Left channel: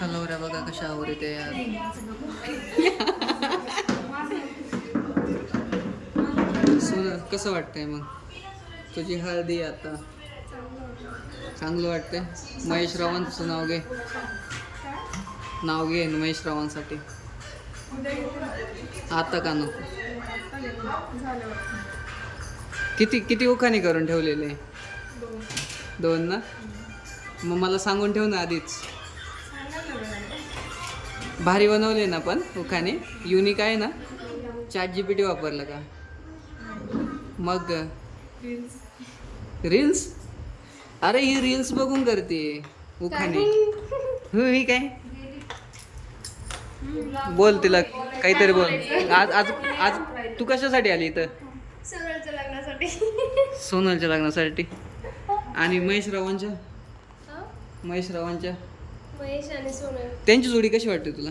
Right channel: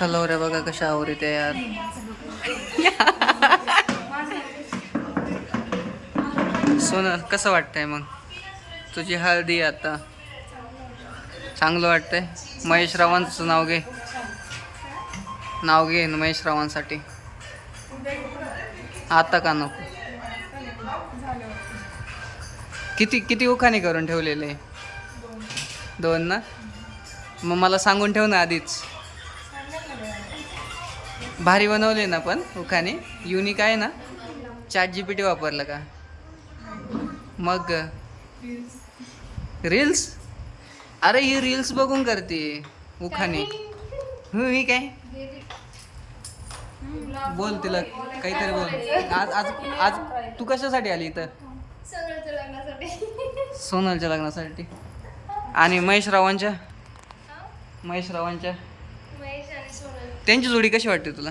Hello रे बघा कशा आवडते यार. सोनल कसं वाटतंय मग तुझी हळदी आता? चांगलं वाटतंय. महेश रावांचं नाव घे, नाव घे महेश रावांसाठी. आता का नको? किती किती उखाणे करून ठेवलेले? दोन ना. मग मला सांगून ठेव ना आधीच. भारी बनवले ना पण उखाणे, युनिक आहे ना. ChatGPT वापरलं का? मग रील्स? अरे ही रील्स बघून करते उखाणे. मी काय बोल तिला काहीतरी बोल. आज आज आज तू कशासाठी आली इथं? सोनलच्या लग्नासाठी. सोनलच्या लग्नासाठी. आणि महेश रावांच्या महेश आणि सोनल त्यांची जोडी कशी वाटते तुला?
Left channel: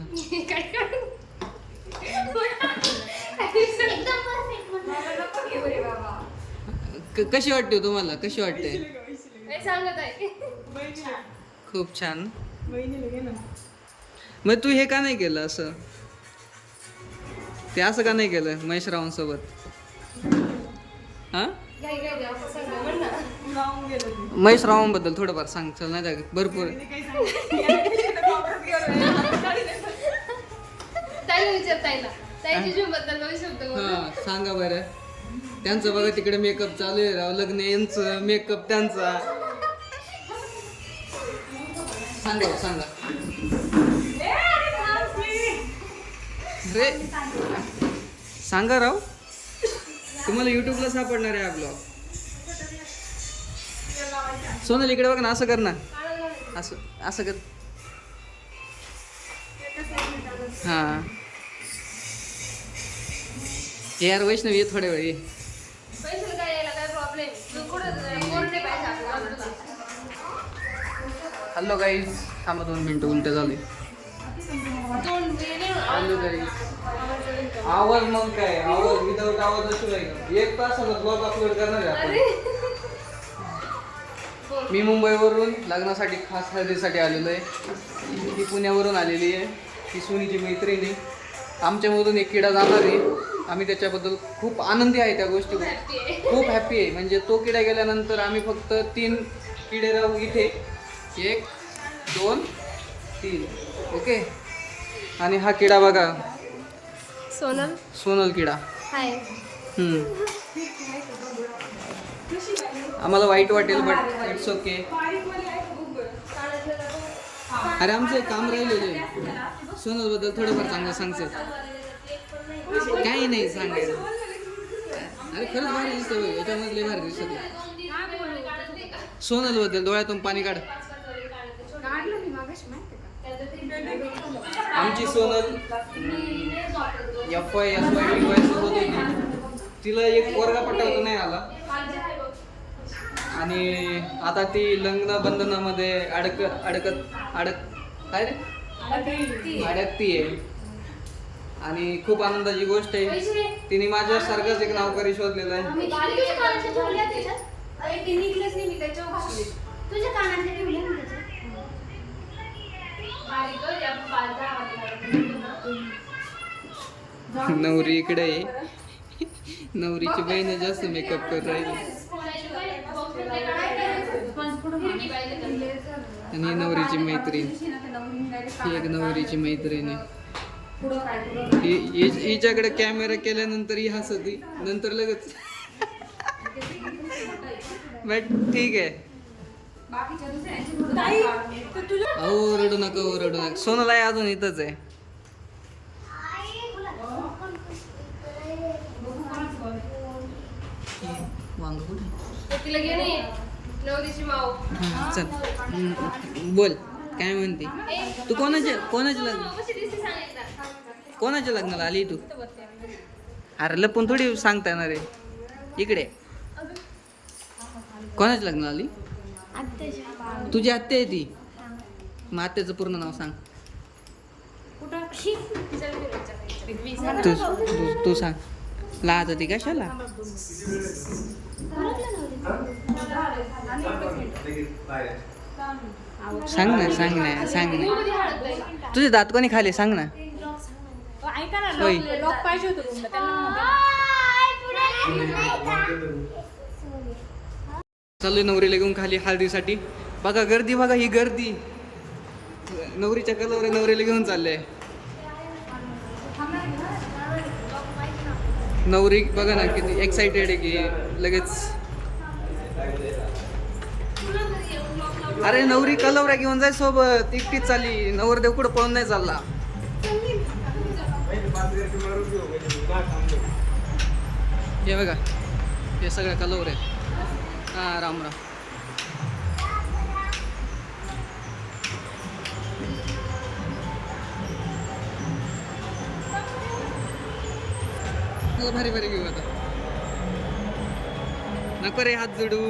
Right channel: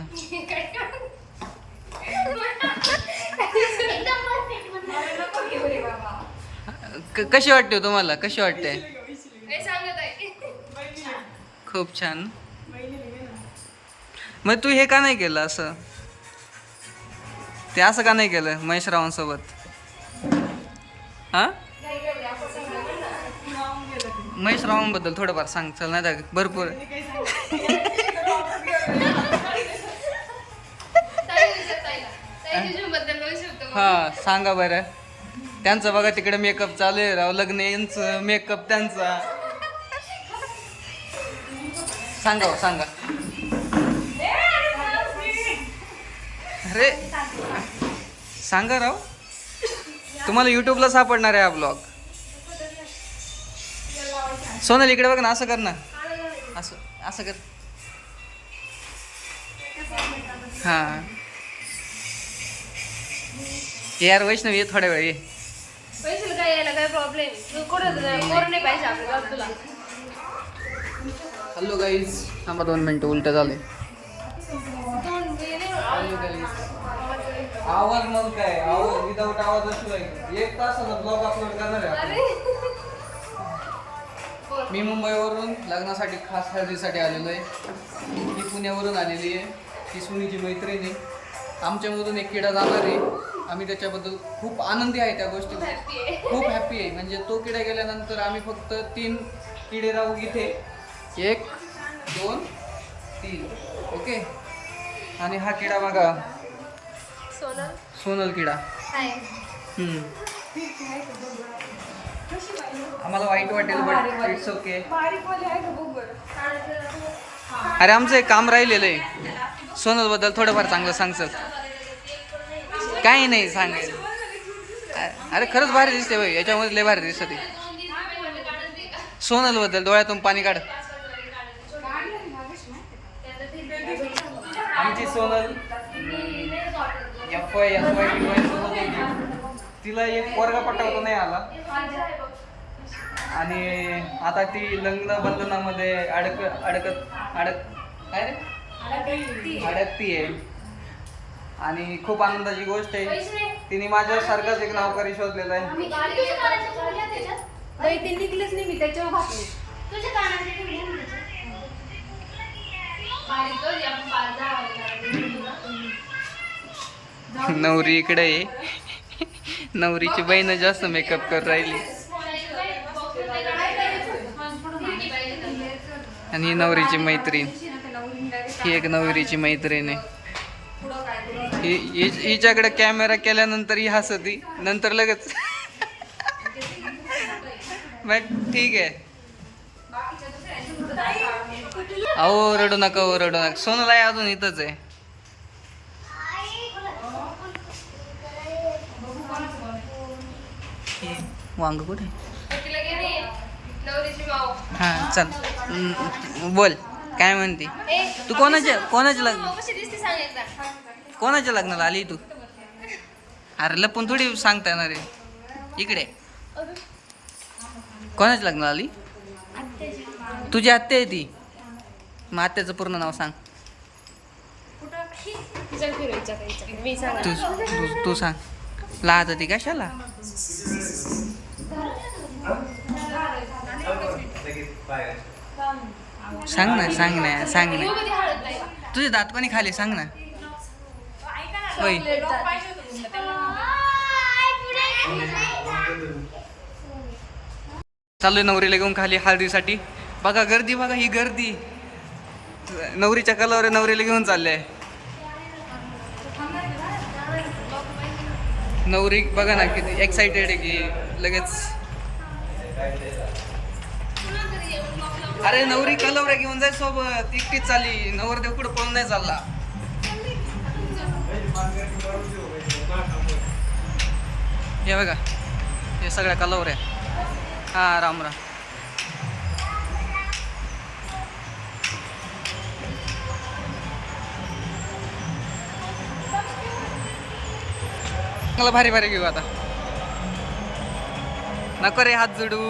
कशी वाटते तुम्हाला? कशी वाटते? खूप छान. मग तू हे का नाही केलं असं? ते असं का नाही केलं महेश रावांसोबत? हा, महेश रावांबद्दल थोडंफार सांग चल. नाही तर भरपूर. हा सांगा बरं. त्यांचं बघा तिकडे मेकअप चालू आहे राव. लग्न यांचं मेकअप त्यांचा. सांगा सांगा. अरे सांगा राव. तुम्हाला युट्यूबला सापडणार आहे हा ब्लॉग. सोनल इकडे बघ ना. असं कर ना. असं असं कर. हां यार वैष्णवी ये थोड्या वेळ ये. Hello guys. थांबा 2 मिनटं. उलट झाले. Hello guys. आवाज मग काय आवाज विदाऊट आवाज अशी नाही. 1 तासाचा ब्लॉग अपलोड करणार आहे आपण. मी मुंबईवरून लग्नासाठी खास हळदीसाठी आलेलो आहे. ही पुण्यावरून आलेली आहे. ही सोनीची मैत्रिणी. आमच्यामधून एक किडा जाणार आहे. आम्ही त्याच्याबद्दल खूप आनंदी आहे. त्या गोष्टी खूप हॅप्पी आहे. म्हणजे तो किडा गेल्यानंतर आम्ही फक्त 3 किडे राहू इथे. 1 2 3. ओके. आणि हा किडा बघा सोनल किडा. आम्हाला वाईट वाटेल बट इट्स ओके. अरे आमचं एक काम राहिलेलं आहे. सोनलबद्दल थोडंफार चांगलं सांगचल. काही नाही सांगायचं. अरे खरंच भारी दिसते बाई. याच्यामध्ये लय भारी दिसते सोनलबद्दल. डोळ्यातून पाणी काढ. आमची सोनल FY TY सोबत होती. तिला एक पोरगा पटवता नाही आला. आणि आता ती लग्न बंधनामध्ये काय रे अडकती आहे. आणि खूप आनंदाची गोष्ट आहे. तिने माझ्यासारखाच एक नौकरी शोधलेला आहे. नवरी इकडे आहे. नवरीची बहीण जास्त मेकअप कर राहिली. आणि ही नवरीची मैत्रीण. ही एक नवरीची मैत्रीण आहे. हिच्याकडे कॅमेरा केल्यानंतर ही हसती. नंतर लगेच बट ठीक आहे. अहो रडू नका. रडू नका. सोनल आहे अजून इथंच आहे. वांग कुठे? हां चल बोल. काय म्हणते तू? कोणाच्या लग्नाला आली तू? अरे लपून थोडी सांगता येणार आहे. इकडे कोणाच्या लग्नाला आली? तुझी आत्या आहे ती. मग आत्याचं पूर्ण नाव सांग. तू सांग. लाज ती कशाला? सांग ना सांग ना सांग ना कधी हळद नाही. तुझे दात कोणी खाली सांग ना. ऐका ना, होय. डॉग पाहिजे होतं तुमचं, त्यांना चाललोय नवरीला घेऊन खाली हळदीसाठी. बघा गर्दी, बघा ही गर्दी. नवरीच्या कलावर नवरीला घेऊन चालले. नवरी बघा ना किती एक्साइटेड आहे की लगेच. अरे नवरी कलवऱ्या घेऊन जाय सोबत, एकटीच चालली. नवरदेव कुठं पळून नाही चालला. हे बघा हे सगळ्या कलवऱ्या. हा राम राम. मला भारी भारी घेऊ आता. नको रे हात जोडू.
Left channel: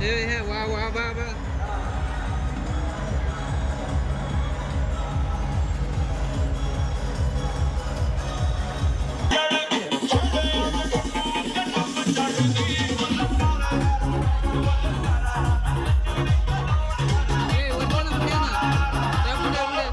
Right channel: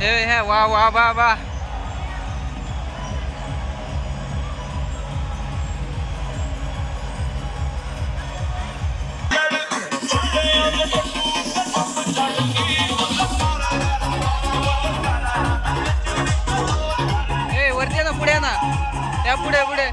हे हे वा वा वा वा. ए वरती ना पुढे ना, त्या पुढे पुढे.